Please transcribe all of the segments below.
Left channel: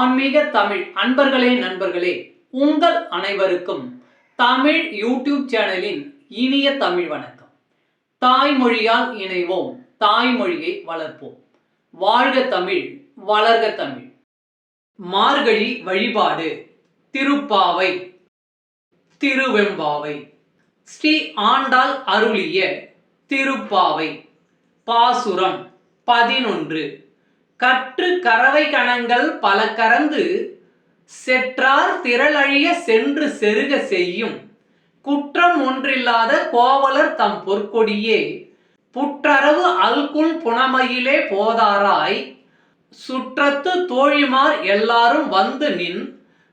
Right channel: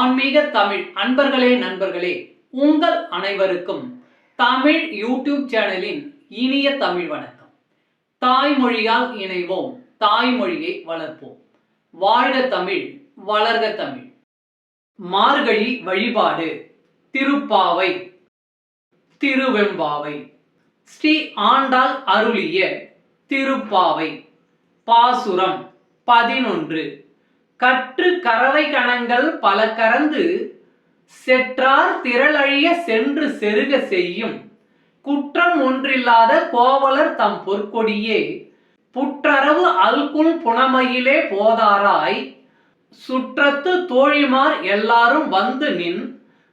ஆன்மீக தமிழ் அன்பர்களே நண்பர்களே, உங்கள் அனைவருக்கும் தமிழ் யூடியூப் சேனலின் இனிய தமிழ் வணக்கம். தாய்மொழியால் இணைவோம், தாய்மொழியை வளர்ப்போம். வாழ்க தமிழ், வளர்க தமிழ். மார்கழி வழிபாடு. திருப்பாவை, திருவெம்பாவை. ஸ்ரீ ஆண்டாள் அருளிய திருப்பாவை. பாசுரம் 11. கற்று கறவை கணங்கள் பல கறந்து செற்றார் திரளழிய சென்று செருக செய்யும் குற்றம் ஒன்றில்லாத கோவலர் தம் பொற்கொடியே புற்றரவு அல்குல் புனமையிலே போதாராய் சுற்றத்து தோழிமார் எல்லாரும் வந்து நின்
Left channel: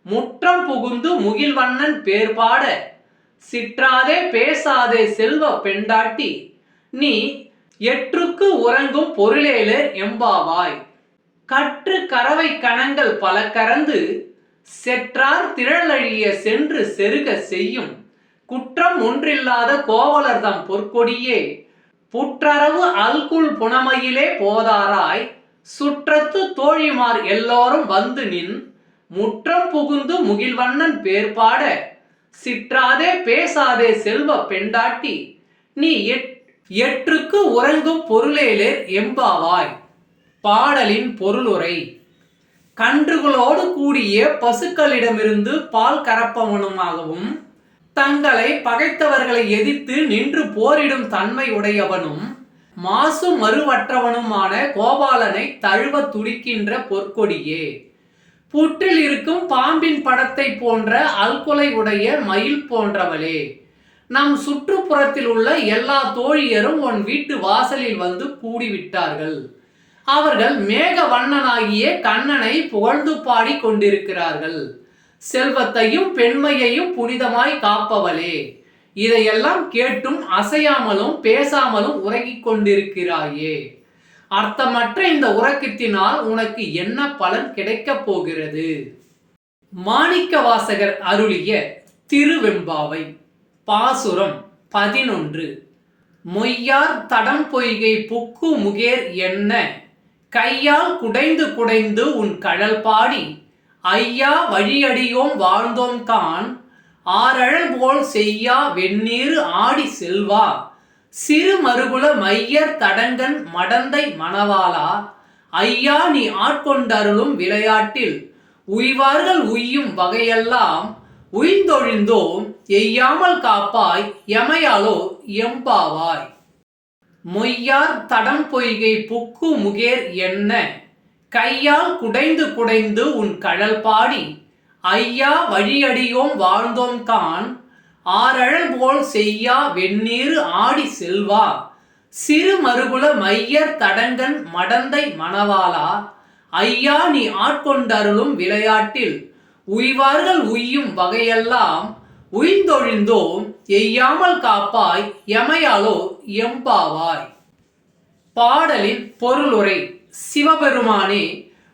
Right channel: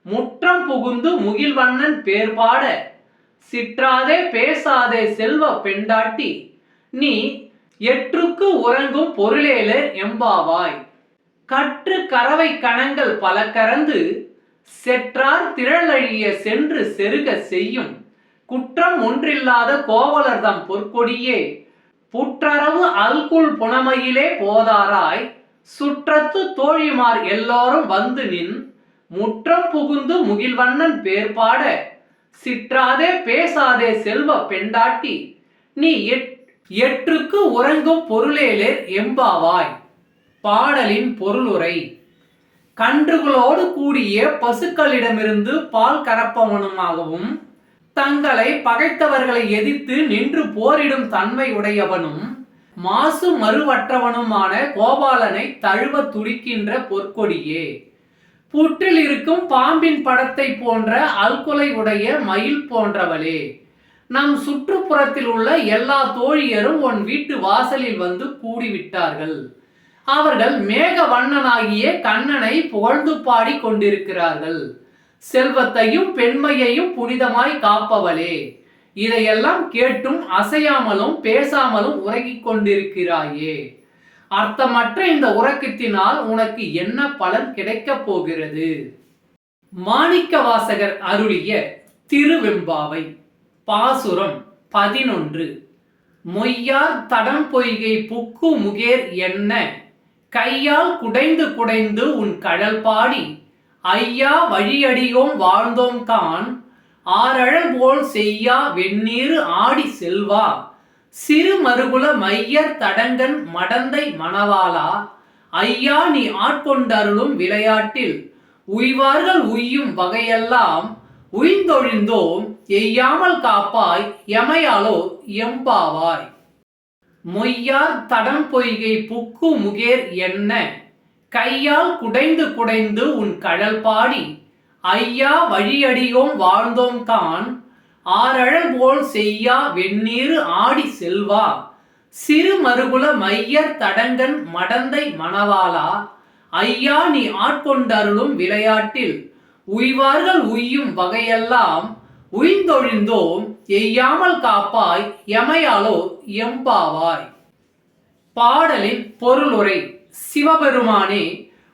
முற்றம் புகுந்து முகில்வண்ணன் பேர்பாட சிற்றாதே பேசாதே செல்வ பெண்டாட்டி நீ எற்றுக்கு உறங்கும் பொருளேலே எம்பாவாய். கற்று கறவை கணங்கள் பல கறந்து செற்றார் திரளழிய சென்று செருக செய்யும் குற்றம் ஒன்றில்லாத கோவலர் தம் பொற்கொடியே புற்றரவு அல்குல் புனமையிலே போதாராய் சுற்றத்து தோழிமார் எல்லோரும் வந்து நின் முற்றம் புகுந்து முகில்வண்ணன் பேர்பாட சிற்றாதே பேசாதே செல்வ பெண்டாட்டி நீ எற்றுக்கு உறங்கும் பொருளேலே எம்பாவாய். பாடலின் பொருளுரை. கன்றுகளோடு கூடிய பசுக்களிடமிருந்து பால் கறப்பவனுமாகவும் தங்களை பகைத்தவர்களை எதிர்த்து நின்று போரிடும் தன்மை உடையவனும் மாசு மறுவற்றவனுமான கோபாலனை தழுவ துடிக்கின்ற பொற்கொடியே புற்றில் இருக்கும் பாம்பின் படத்தை போன்ற அல்குலை உடைய மயில் போன்றவளே, நம் சுற்றுப்புறத்தில் உள்ள எல்லா தோழியரும் உன் வீட்டு வாசலில் வந்து கூடிவிட்டார்கள். அவர்கள் மேக வண்ணனாகிய கண்ணனை புகழ்ந்து பாடி கொண்டிருக்கிறார்கள். செல்வத்தையும் பெண்மையையும் புனிதமாய் காப்பவளே, இதையெல்லாம் கேட்டும் அசையாமலும் பேசாமலும் உறங்கிக் கொண்டிருக்கிறாயே. அர்த்தமற்ற இந்த உறக்கத்தினால் உனக்கு என்ன பலன் கிடைக்கப் போகிறது? மாணிக்க வாசகர் அருளிய திருவெம்பாவை. பாசுரம் 11. மொய்யார் தடம் பொய்கை புக்கு முகேர் என்ன கையால் குடைந்து குடைந்து உன் கழல் பாடி ஐயா வழியடியோம் வாழ்ந்தோம் கான் ஆரழல் போல் செய்யா வெந்நீர் ஆடி செல்வா சிறு மறுகுல மையர் தடங்கன் மடந்தை மணவாளா ஐயா நீ ஆட்கொண்டருளும் விளையாட்டில் உய்வார்கள் உய்யும் வகையெல்லாம் உய்ந்தொழிந்தோம் எய்யாமல் காப்பாய் எமையாலோ எம்பாவாய். மொய்யார் தடம் பொய்கை புக்கு முகேர் என்ன கையால் குடைந்து குடைந்து உன் கழல் பாடி ஐயா வழியடியோம் வாழ்ந்தோம் கான் ஆரழல் போல் செய்யா வெந்நீர் ஆடி செல்வா சிறு மறுகுல மையர் தடங்கன் மடந்தை மணவாளா ஐயா நீ ஆட்கொண்டருளும் விளையாட்டில் உய்வார்கள் உய்யும் வகையெல்லாம் உய்ந்தொழிந்தோம் எய்யாமல் காப்பாய் எமையாலோ எம்பாவாய். பாடலின் பொருளுரை. சிவபெருமானே,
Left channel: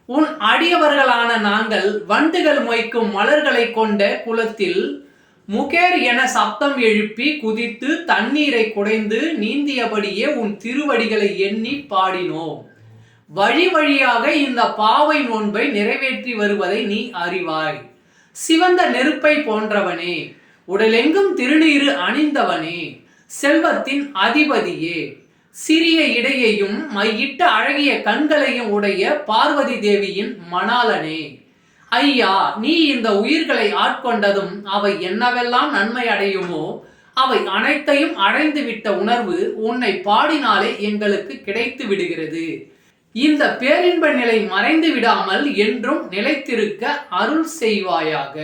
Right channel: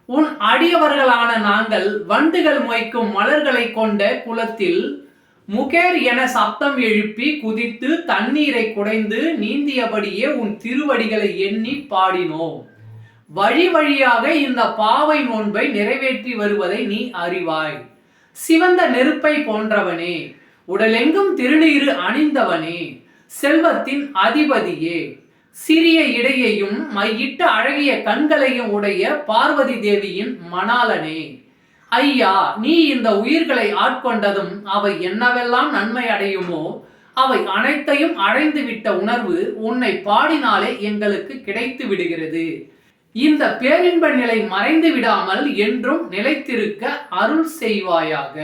உன் அடியவர்களான நாங்கள் வண்டுகள் மொய்க்கும் மலர்களை கொண்ட குளத்தில் முகேர் என சப்தம் எழுப்பி குதித்து தண்ணீரை குடைந்து நீந்தியபடியே உன் திருவடிகளை எண்ணி பாடினோம். வழி வழியாக இந்த பாவை நோன்பை நிறைவேற்றி வருவதை நீ அறிவாய். சிவந்த நெருப்பை போன்றவனே, உடலெங்கும் திருநீறு அணிந்தவனே, செல்வத்தின் அதிபதியே, சிறிய இடையையும் மையிட்ட அழகிய கண்களையும் உடைய பார்வதி தேவியின் மணாலனே, ஐயா நீ இந்த உயிர்களை ஆட்கொண்டதும் அவை என்னவெல்லாம் நன்மை அடையுமோ அவை அனைத்தையும் அடைந்துவிட்ட உணர்வு உன்னை பாடினாலே எங்களுக்கு கிடைத்து விடுகிறது. இந்த பேரின்ப நிலை மறைந்து விடாமல் என்றும் நிலைத்திருக்க அருள் செய்வாயாக.